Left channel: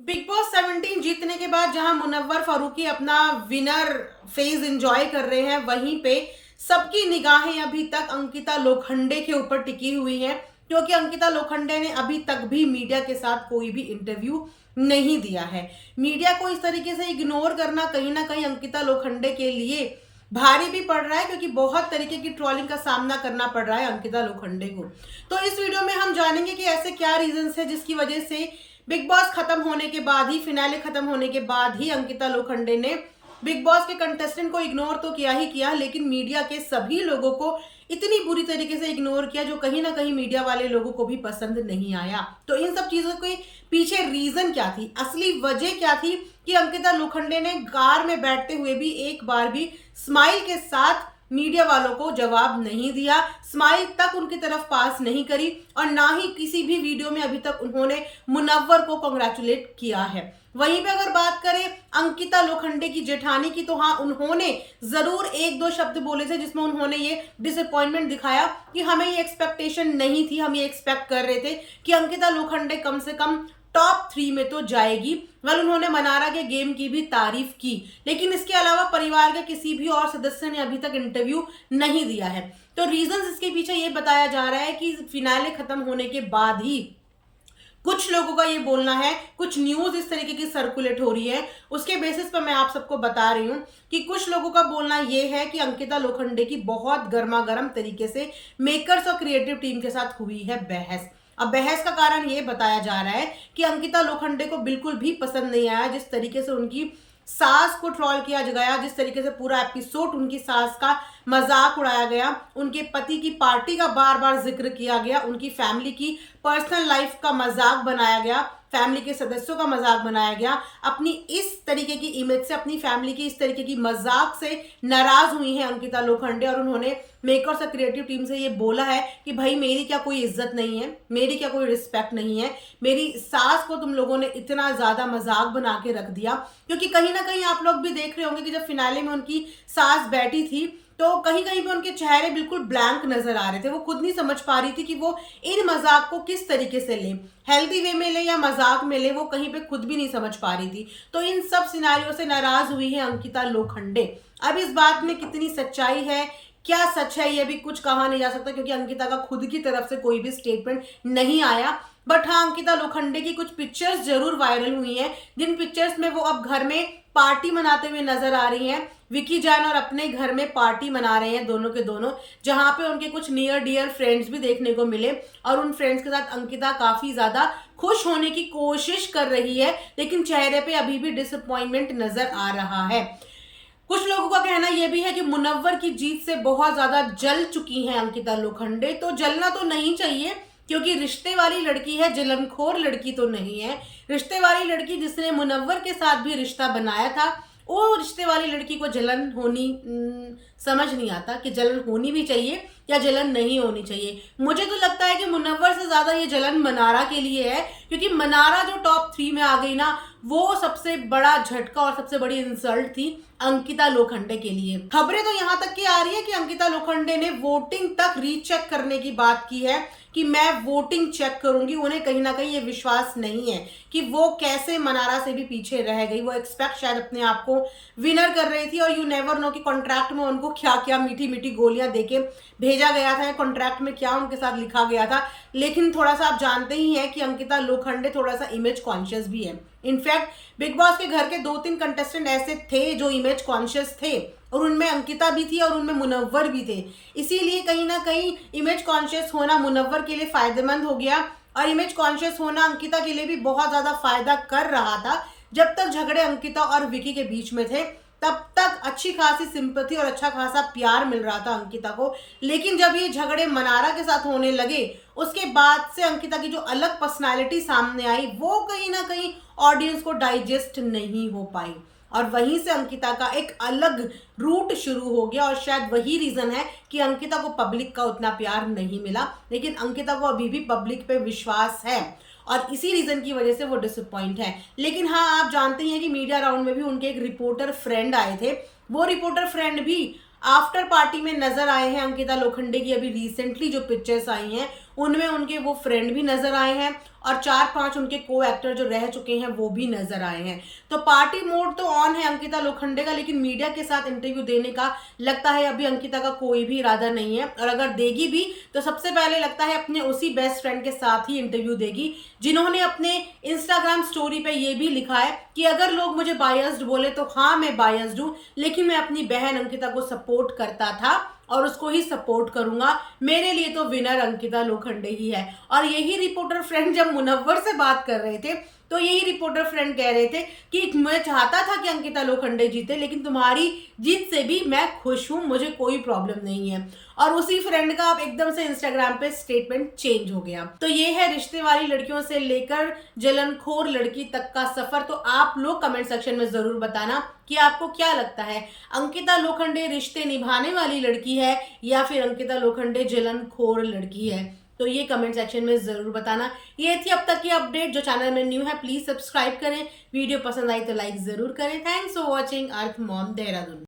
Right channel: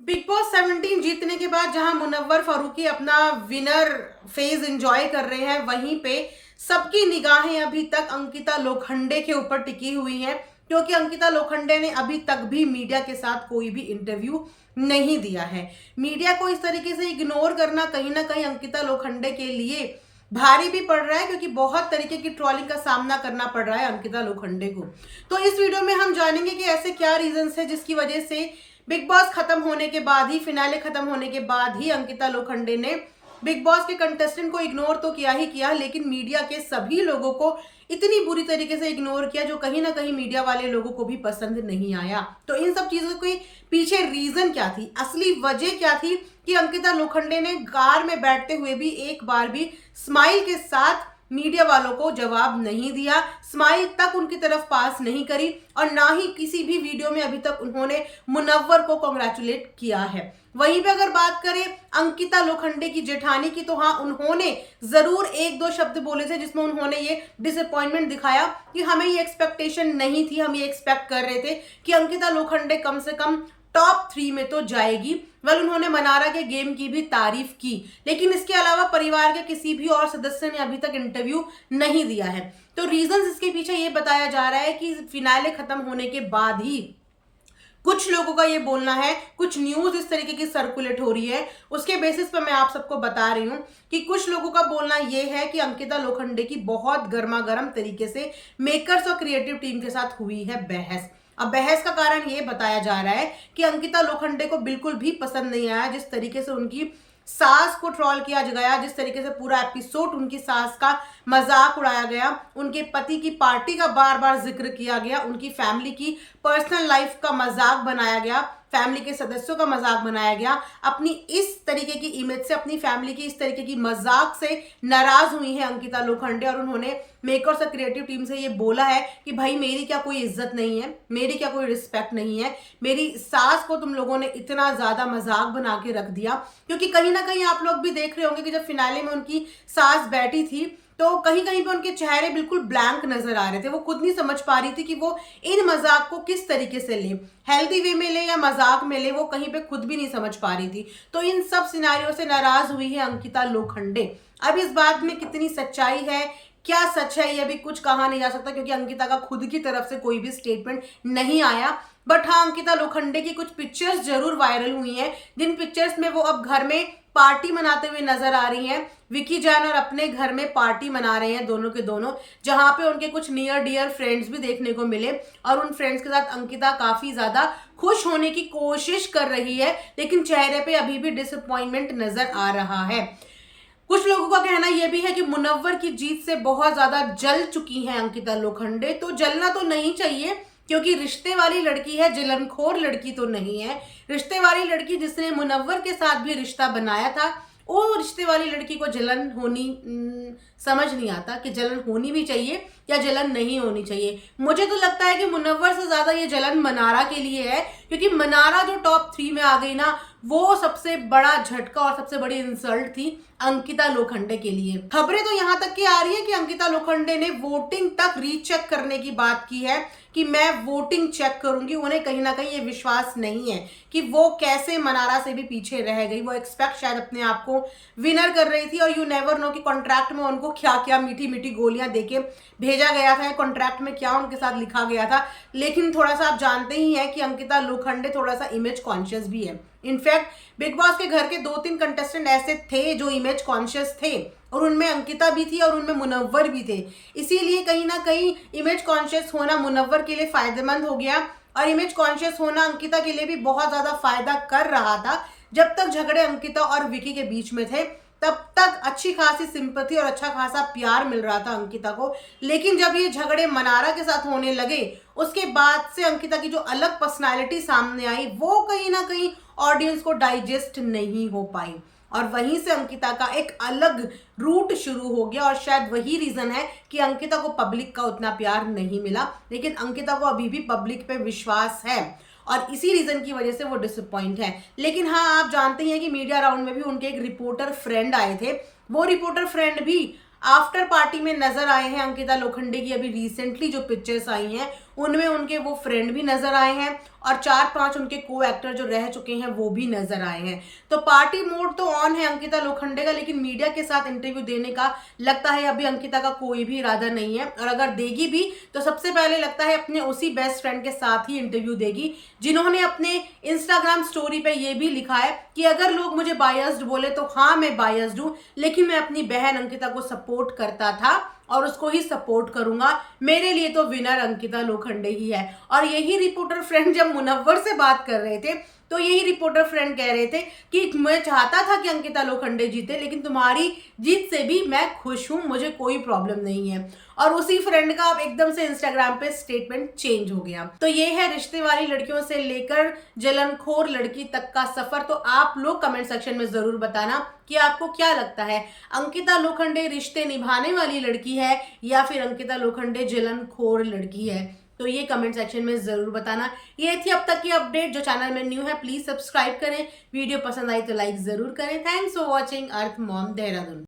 Big boss 17 जीतने के बाद जहां मुनव्वर फारूकी अपना विनर फेज एंजॉय कर रहे हैं, वहीं पे सबकी निगाहें अभी तक अंकिता लोखंडे के ऊपर टिकी हुई हैं, क्योंकि अंकिता लोखंडे ने अभी तक भी मीडिया के साथ कोई भी इंटरव्यू नहीं दिया है। मीडिया को इस तरीके से इग्नोर करना कहीं ना कहीं अंकिता लोखंडे के लिए भारी भी पड़ रहा है, क्योंकि बहुत तरीके की ट्रोलिंग का सामना करना पड़ रहा है अंकिता लोखंडे को। तो इस वीडियो में हम जानेंगे कि ऐसे क्या रीजंस है जिसकी वजह से बिग बॉस खत्म होने के बाद ही, फिनाले खत्म होने के बाद ही अंकिता लोखंडे ने बिग बॉस के कंटेस्टेंट को इग्नोर तो किया ही किया, लेकिन मीडिया के सभी लोगों को इतनी बुरी तरीके से इग्नोर किया जो कहीं ना कहीं मीडिया वाले लोगों को भी पसंद नहीं आया। तो इन सब चीजों के पीछे रीजन क्या थी, असली वजह क्या थी कि अंकिता लोखंडे ने कार में बैठते हुए भी एक बार भी स्माइल के साथ मीडिया वालों को जवाब नहीं दिया, स्माइल तक उनकी तरफ पास नहीं करी, और ना ही किसी भी वीडियो में अभी तक उन्होंने मुनव्वर को कांग्रेचुलेट किया है। वहीं पे अगर बात करें अंकिता लोखंडे की जेठानी की, तो हाँ, उन्होंने जरूर एक दो शब्द बोले थे जिसमें उन्होंने ये डिसअपॉइंटमेंट दिखाया कि हमें ये एक्सपेक्टेशन नहीं थी, हम ये एक्सपेक्ट कर रहे थे कि अंकिता लोखंडे कम से कम टॉप 3 में तो जाएगी। वेल, उन्होंने मनारा के गेम की भी तारीफ की, लेकिन इसके अलावा परिवार के किसी भी और सदस्य ने अभी तक इंटरव्यू नहीं दिया है। तो रीजंस इसके पीछे ये बताया जा रहा है कि फिनाले खत्म होने के बाद ही कुछ लोगों का ये बोलना है, कुछ न्यूज इस तरीके की सर्कुलेट हो रही है, उसके बेसिस पर मैं आप सबको बता रही हूं कि कुछ लोगों का बोलना ये है कि अंकिता लोखंडे की बहुत गर्मा गर्म तरीके से मेकर्स और क्रिएटिव टीम के साथ हुई है बहस। अब बहस का कारण ये बताया जा रहा है कि अंकिता लोखंडे को बिल्कुल भी पसंद नहीं आया जिस तरीके से उनकी सास को ट्रोल किया गया, जिस तरीके से पूरा एपिसोड उनकी सास का मजाक उड़ाया गया, उनके पति की पार्टी का बार बार जिक्र किया गया, उनकी फैमिली की पर्सनल लाइफ का मजाक बनाया गया, फैमिली के सदस्यों का मजाक बनाया गया। अपनी इस तरीके की इमेज से, अपनी फैमिली की इस तरीके की मजाक से नाराज हुई हैं अंकिता लोखंडे, और उन्होंने मेकर्स और क्रिएटिव टीम से ये बोला है कि भाई, मेरी क्या कोई इज्जत नहीं है, मेरी क्या कोई रिस्पेक्ट नहीं है, मेरी सास को तुम लोगों ने इतना ज्यादा मजाक बना के रख दिया। क्योंकि कहीं ना कहीं आप लोग भी देख रहे होंगे कि जब फिनाले में उनकी सास बैठी थी, तो कहीं कहीं पे उनके चेहरे बिल्कुल ब्लैंक नजर आ रहे थे। वो खुद नहीं समझ पा रही थी कि वो इन मजाक को किस तरीके से ले, हेल्दी वे में ले या मजाक में ले, वो कहीं पे खुद भी नहीं समझ पा रही थी। तो इन सब सिनारियों से नाराज हुई है अंकिता लोखंडे। अब इस बात में कितनी सच्चाई है, क्या सच है, ये अभी कुछ कहा नहीं जा सकता, क्योंकि अंकिता का खुद की तरफ से कोई भी स्टेटमेंट नहीं आया। बट हाँ, अंकिता लोखंडे की कुछ पिक्चर्स जरूर वायरल हुई हैं, जिन पिक्चर्स में वो अब घर में पार्टी मनाते हुए नजर आ रही हैं। विकी जैन और अपने घर में पार्टी मना रहे हैं दोनों के दोनों, जहां पे उनके कुछ नियर डियर फ्रेंड्स भी देखने को मिले, और उन फ्रेंड्स के साथ अंकिता काफी ज्यादा खुश होने की कोशिश कर रही है, लेकिन चेहरे पे अभी भी डिसअपॉइंटमेंट नजर आ रहा है। कुछ लोगों का कहना यह भी है कि मुनव्वर की जीत से बहुत ज्यादा जल चुकी हैं अंकिता लोखंडे। तो जलना तो नहीं चाहिए, क्योंकि रिश्ते वाली लड़की है, जलनखोर लड़की तो नहीं है। रिश्ते वाली लड़की जिसने मुनव्वर के साथ भी रिश्ता बनाया था, वो रिश्ते वाली लड़की को जलन होनी समझ नहीं आता कि जलन होनी भी चाहिए या जलन नहीं होनी चाहिए। मुझे तो लगता है कि मुनव्वर से ज्यादा ये जलन मनारा के लिए है, क्योंकि मनारा जो टॉप 3 में आ गई ना, वो सबसे बड़ा झटका और सबसे बड़ी इंसल्ट थी अंकिता लोखंडे के लिए। खबरें तो यहां तक की आ रही है कि अंकिता लोखंडे ने वोटिंग तक रीचेक करने की बात की है कि मैं वोटिंग चेक करूंगी। उन्हें कहीं ना कहीं ये विश्वास नहीं है कि वो कैसे मनारा से भी पीछे रह गई। वो एक्सपेक्ट शायद अपने आप को विनर कर रही थी, और यू नेवर नो कि कॉन्ट्रैक्ट में उनको क्या क्या मीठी मीठी गोलियां देके भेजा गया था, कॉन्ट्रैक्ट में क्या उनके साथ लिखा गया था। लेकिन थोड़ा सा आप जानते ही हैं कि अंकिता लोखंडे थोड़ा सा इमेज कॉन्शियस भी है। इनफैक्ट बिग बॉस के घर के 2-3 कंटेस्टेंट ऐसे थे जो इमेज कॉन्शियस थे, और उनमें अंकिता भी थी और उनमें मुनव्वर भी थे। इसीलिए कहीं ना कहीं इमेज कॉन्शियस होना मुनव्वर के लिए फायदेमंद हो गया, और इमेज कॉन्शियस होना अंकिता के लिए भी बहुत ज्यादा फायदा कर रहा था। जब तक झगड़े अंकिता और विकी के बीच में थे, तब तक अच्छी खासी सिंपैथी और अच्छा खासा प्यार मिल रहा था अंकिता को। लेकिन जब ये झगड़े मनारा के साथ होने लगे, उसके बाद से अंकिता की जो अलग पर्सनालिटी सामने आई, वो कहीं ना कहीं ऑडियंस को डाइजेस्ट नहीं हो पाई, और वहीं से अंकिता का एक अलग रूट शुरू हो गया। और शायद वही रीजन है कि अंकिता को पब्लिक का उतना प्यार नहीं मिला, लेकिन अंकिता को अभी भी पब्लिक पे विश्वास है, और इसी रीजन की वजह से वो डिसअपॉइंट है। लेकिन हाँ, आप जानते हैं कि मीडिया राउंड में भी उनके एक रिपोर्टर फ्रेंड आए थे। वो रिपोर्टर फ्रेंड भी आफ्टर पार्टी में नजर आए हैं अंकिता लोखंडे की। अभी रिसेंटली जो पिक्चर्स आई हैं, उनमें उनके वो फ्रेंड भी नजर आए हैं और 4-5 उनके को एक्टर जो रह चुके हैं वो भी नजर आए हैं। तो पार्टी मोड तो ऑन है अंकिता लोखंडे का, लेकिन मीडिया के साथ इंटरव्यू देने का लगता है अभी अंकिता का कोई भी इरादा नहीं है, और अगर देगी भी तो सबसे पहले लगता है अपने उसी बेस्ट फ्रेंड के साथ ही इंटरव्यू देगी, जिन्होंने अपने इंस्टाग्राम स्टोरी पे ये भी लिखा है कि अगर लोग मुझे बायस्ड बोले तो हाँ मैं बायस्ड हूं, लेकिन मैं अपनी बहन अंकिता को सपोर्ट करता था और उसको ही सपोर्ट करूंगा, मेरे लिए तो विनर अंकिता लोखंडे ही है। और यही रिपोर्टर फ्रेंड जब मुनव्वर से बात कर रहे थे तो यही रिपोर्टर फ्रेंड कह रहे थे कि मैं चाहता था कि अंकिता लोखंडे जीते, लेकिन तुम्हारी जीत से भी मैं खुश हूं, मुझे कोई प्रॉब्लम नहीं है। और उसी फ्रेंड का अब एकदम से इंस्टाग्राम पे स्टेटमेंट चेंज हो गया। तो ये है रिश्ते वाली लड़कियों से लेकर जलनखोर लड़की तक का सफर। तो आप लोग कमेंट सेक्शन में जरूर बताना कि आपको क्या लगता है, अंकिता लोखंडे रिश्ते निभाने वाली लड़की है या फिर अंकिता लोखंडे जलनखोर लड़की है। तो ये कमेंट सेक्शन में जरूर बताना। ये थी अब तक की अपडेट। जो चैनल में न्यू है प्लीज सब्सक्राइब करें, वीडियो पसंद आई तो लाइक जरूर करें। Thanks for watching earth mom Dehradun.